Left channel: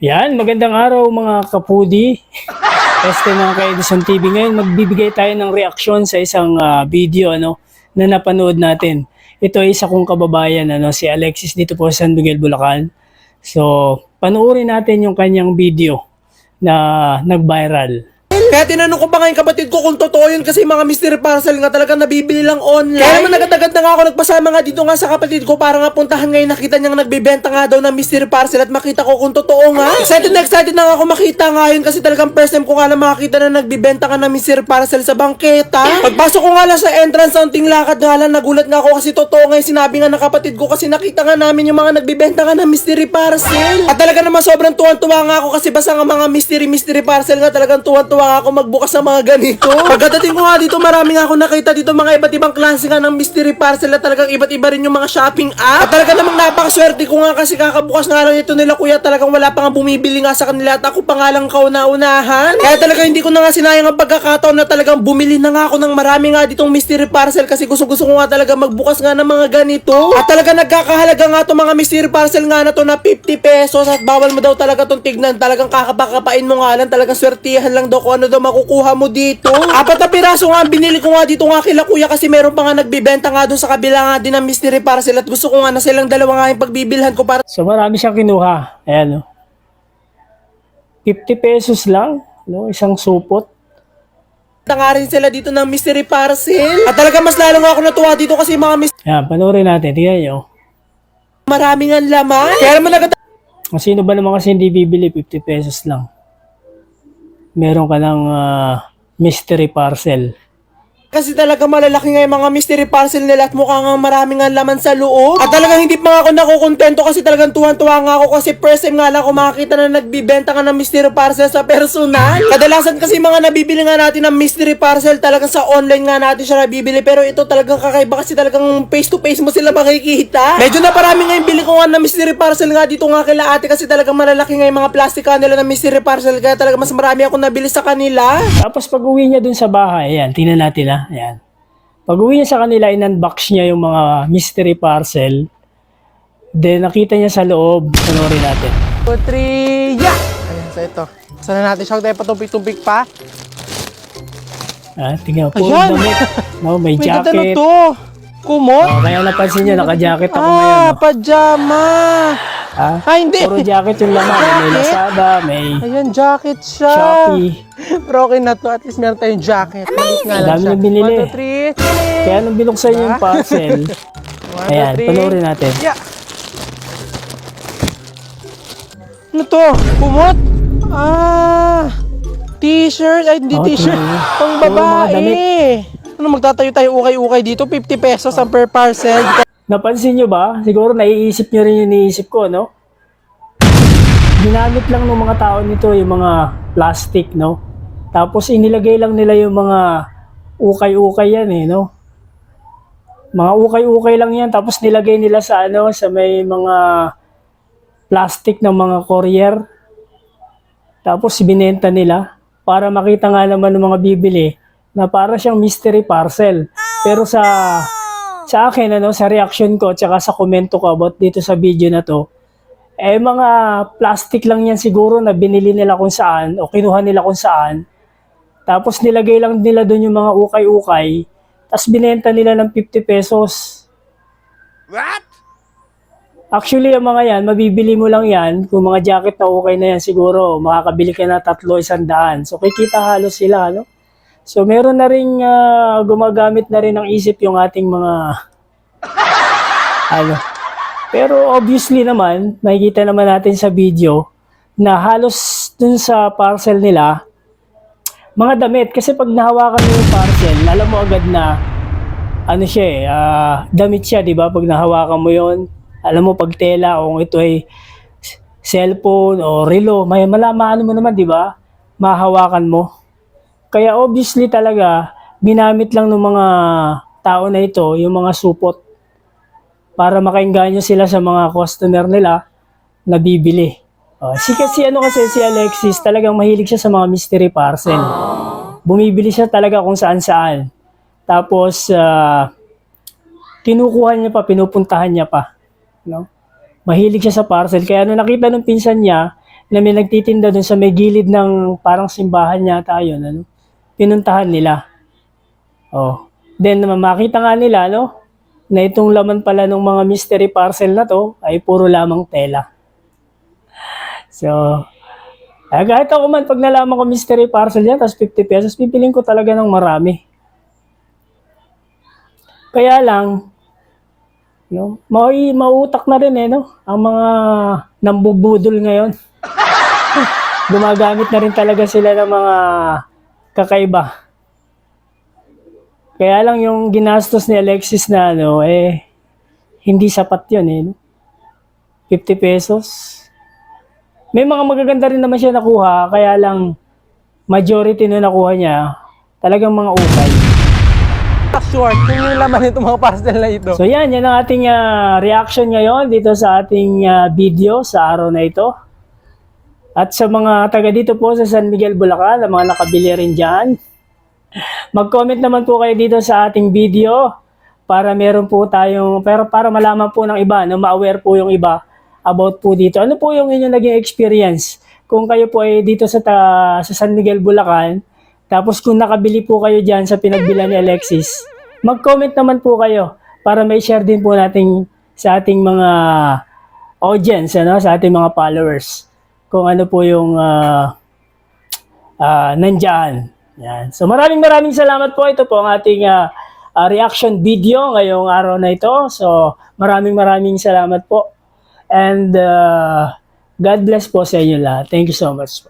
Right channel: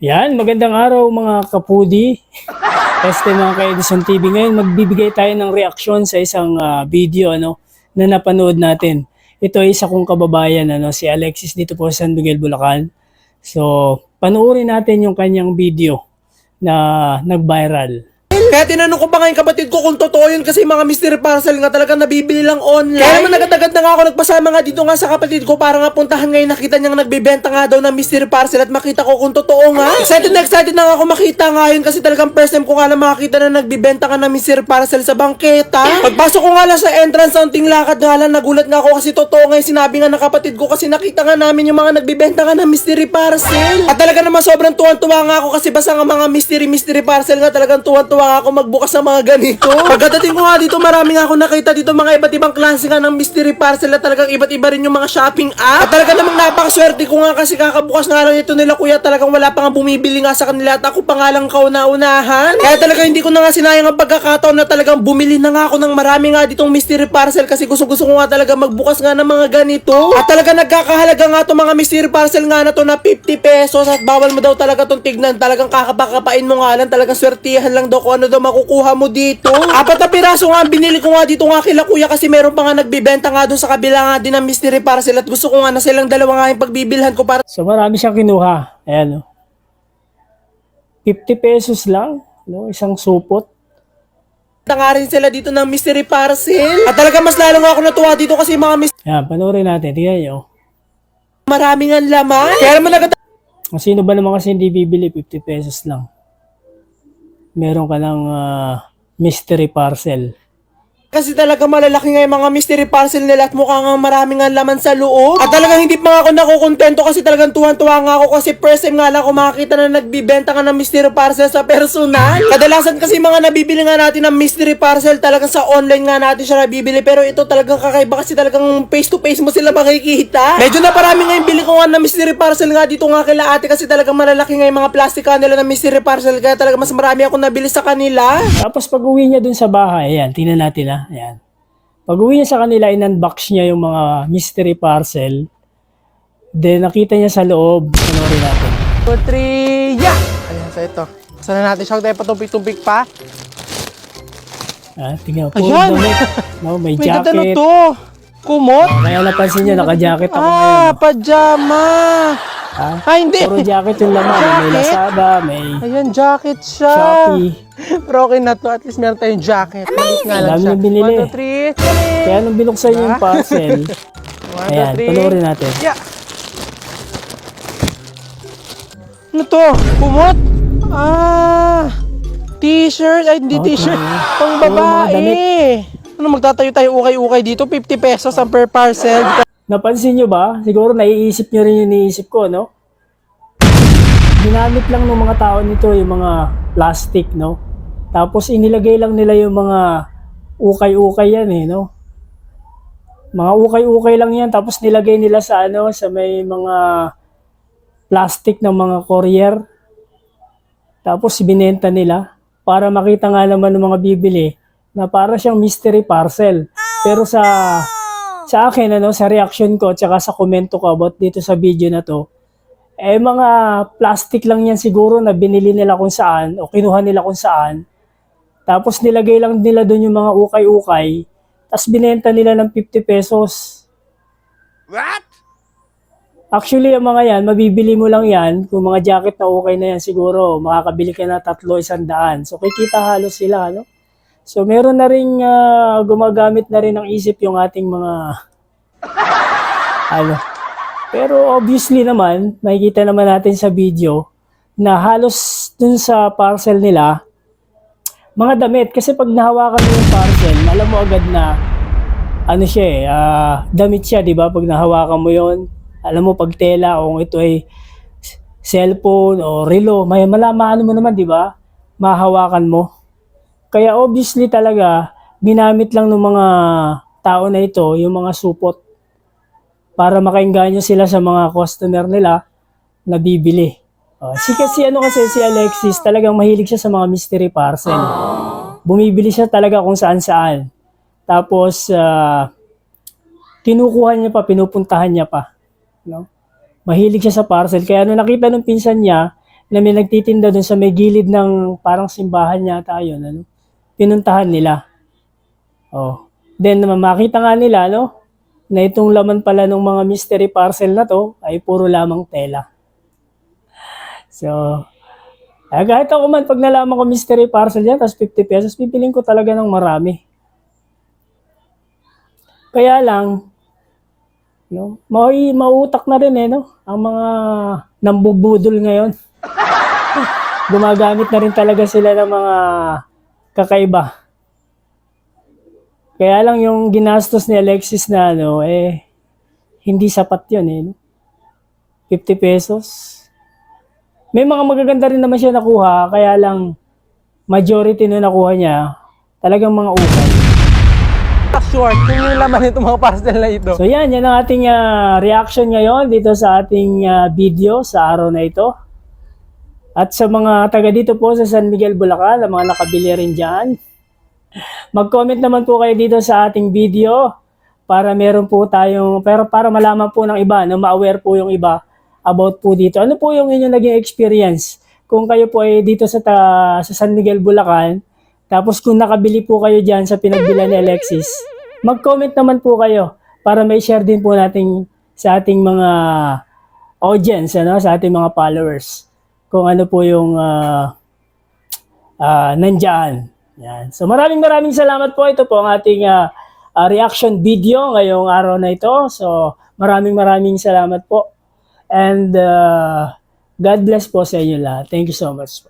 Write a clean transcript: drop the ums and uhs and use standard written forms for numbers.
Yan, magandang araw mga kapudi. Este mga ka-Edison TV. Ngayon magbibigay tayo ng reaksyon sa isang video na napanood natin. Ito ay isa kong kababayan, si Alexis dito po sa San Miguel, Bulacan. So, panoorin natin yung kanyang video na nag-viral. Kaya tinanong ko pa ngayon kapatid ko kung totoo yun kasi mga mystery parcel nga talagang nabibili lang online. Kaya naman agad-agad na nga ako nagpasama nga dito nga sa kapatid ko para nga puntahan ngayon, nakita niyang nagbibenta nga daw ng mystery parcel at makita ko kung totoo nga. Excited na nga ako makita nga yun kasi talagang first time ko nga lang makakita na nagbibenta ka ng mystery parcel sa bangketa. Pagpasok ko nga lang sa entrance, unting lakad nga lang, nagulat nga ako kasi totoo nga yung sinabi nga ng kapatid ko kasi nakita nga namin yung mga nagbibenta nga ng mystery parcel. At talaga naman sobrang tuwan-tuwa nga ako kasi basta nga mga mystery parcel nga talagang tuwan-tuwa nga ako magbukas ng mga ganito. Pagdating ko nga dito, marami nga ako nakita dito mga iba't ibang klase nga ng mystery parcel at talagang iba't iba rin yung mga shopping app. At talaga namang napakaswerte ko nga kasi kakabukas nga lang ito nila kuya, talagang wala pa nga bumibili nga sa kanila at ako pa nga lang kauna-unahan. Kaya talaga hindi ko na nga sinayang ang pagkakataon na talagang bumili na nga ako ng marami nga ditong mystery parcel kasi gusto ko nga talaga magbukas nga ng mga ganito. At talaga nagkakahalaga nga to mga mystery parcel nga na to na 50 pesos at bawal mo daw talaga tong tignan, talagang kakapakapain mo nga lang, talagang swertihan lang daw kung ano daw makukuha mo dito. 4 na piraso nga ang binili ko nga dito nga kila kuya kasi meron pa nga nagbibenta nga doon sa kabila nga din ng mystery parcel at gusto ko nga na silang dalawa nga yung pagbibilhan ko para So marami siyang kinuha. Ayan, 50 pesos lang, isang supot. nga rin sila dito ng mystery parcel. At talaga mas lalo nga ako natuwa dito kasi mga Ayan, panoorin natin. Tingnan nyo. maraming ang laman. Kaya naman agad Kung sino ba naman kasi hindi bibili, 50 pesos lang. Meron ka ng mystery parcel. kasi talaga malalaki nga yung mga mystery parcel nila at mukha nga maraming nga laman sa loob. At talagang hindi pa nga ako nakukontento kasi talagang tuwan-tuwa nga ako kasi first time nga lang ako makakita na nagbibenta nga ng mystery parcel sa personal. Kadalasan kasi mga nabibili nga natin ng mystery parcel talaga sa online nga natin siya nabibili, pero ito talagang kakaiba kasi talagang face to face mo sila makikita. Medyo na parami nga yung bili ko nga ng mystery parcel nga dito nga kila ate kasi talagang malalaki nga yung mga plastic ka nila ng mystery parcel kaya talaga mas marami ako nabili sa kanila. Tapos pag uwi niya dun sa bahay, ayan, tingnan natin ayan. Pag uwi niya sa kanila, in-unbox niya yung mga mystery parcel. Then nakita niya sa loob, panoorin natin. 2, 3, yeah! Ayan, sa ito. Sana natin siya tayo patumpik-tumpik pa. Tingnan po. Ayan! May May jacket. ano to? Kumot? Kaya napansin niya, naka-jacket ako Pajama! Hindi! Puro jacket yung laman. Jacket? May Lazada, may Ayan, jacket siya. Shopee. Pero okay na to. At least meron tayong jacket. Malit nga lang Dami siya. yung binili. 1, 2, 3. Kaya nung binuksan niya yung parcel, 1, ayan, 2, 3. panoorin natin. Yeah! Ano to? Kumot? T-shirt. Ay, hindi t-shirt. Pang babae. Ano, magtatayo tayo ukay-ukay dito? 50 pesos ang per parcel. Napansin nyo ba? Siguro naiisip nyo rin yung iniisip ko, no? Ginamit lang ng mga tao nito yung mga plastic, no? Tapos inilagay lang nila yung mga ukay-ukay yan, no? Mga ukay-ukay lang yan, tapos nilagay nila sa sa may mga plastic ng mga courier. Tapos binenta nila para makita nga naman ng mga bibili na para siyang mystery parcel. Pero sa akin, sa reaction ko, tsaka sa komento ko about dito sa video na to, mga plastic lang yan siguro na binili nila kung saan o kinuha nila kung saan. Tapos nilagay lang nila doon yung mga ukay-ukay, tapos binenta nila ng 50 pesos. What? Actually, ang mga yan, mabibili mo lang yan, kung mga jacket na ukay na yan siguro, makakabili ka na 300-100. So, kikita halos sila, no? So, meron na rin, gumagamit na rin ng isip yung ating mga, Pero obviously naman, makikita naman natin sa video, na halos dun sa parcel nila, mga damit. Kasi pag nahawakan mo yung parcel, alam mo agad na, damit siya, di ba? Pag nahawakan mo yon, alam mo pag tela, kung ito ay cellphone o relo, malaman mo naman, di ba? Mahawakan mo. Kaya obviously talaga, binamit lang ng mga tao na ito, yung mga supot, para makainganyo sila sa mga customer nila na bibili. Si Alexis, talagang mahilig siya sa mga mystery parcel. Bumibili siya talaga kung saan-saan. Tapos, kinukuha niya pa, pinupuntahan niya pa. No? Mahilig siya sa parcel. Kaya nung nakita ng pinsan niya na may nagtitinda doon sa may gilid ng parang simbahan yata yun, ano, pinuntahan nila. Oh. Then makita nga nila, no, na itong laman pala ng mga mystery parcel na to ay puro lamang tela. So, kahit ako man, pag nalaman ko mystery parcel yan, tapos 50 pesos, pipiling ko talaga ng marami. Kaya lang, no, mauutak na rin no, ang mga nambubudol ngayon. Gumagamit na rin talaga sila ng mga kakaiba. Kaya lang yung ginastos ni Alexis na hindi sapat yun 50 pesos. May mga magaganda rin naman siya nakuha, kaya lang majority na nakuha niya, talagang mga utang. Short, kung yung laman nitong mga parcel na ito. So yan ang ating reaction ngayon dito sa ating video sa araw na ito. At sa mga taga dito po sa San Miguel, Bulacan, ang mga nakabili rin dyan, mag-comment naman po kayo dito sa ating video para meron po tayong, pero para malaman po ng iba, na ma-aware po yung iba about po dito. Ano po yung inyong naging experience? Kung kayo po ay dito sa San Miguel, Bulacan, tapos kung nakabili po kayo dyan sa pinagbilan ni Alexis, mag-comment naman po kayo para may share din po natin sa ating mga audience, sa ating mga followers, kung ano po yung nandyan. Yan. So maraming salamat po. Ito po ang ating reaction video ngayong araw na ito. So maraming salamat po. And God bless po sa inyo lahat. Thank you so much po.